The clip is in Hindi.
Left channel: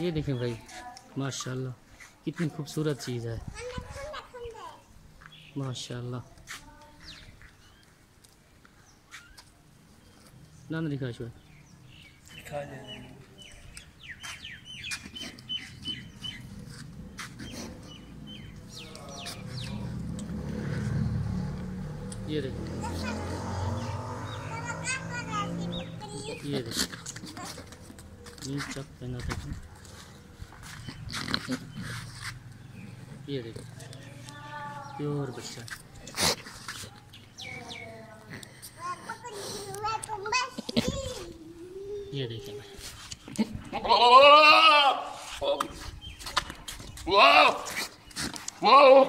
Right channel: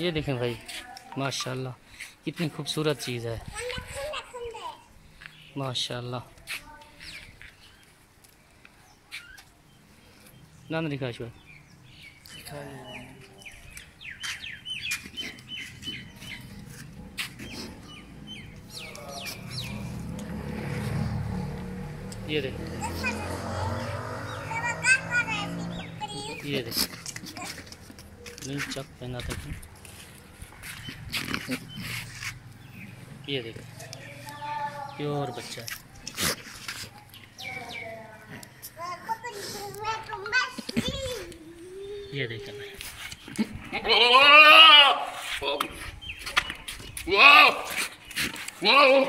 ये देखें भाई, माशाल्लाह कितनी खूबसूरत चीज़ है, माशाल्लाह। नाम दिखा शुआ, ये देख, ये देख चक पहना था कि ये देख प्योर बच्चा है। ये देखें भाई, Whoa! Whoa!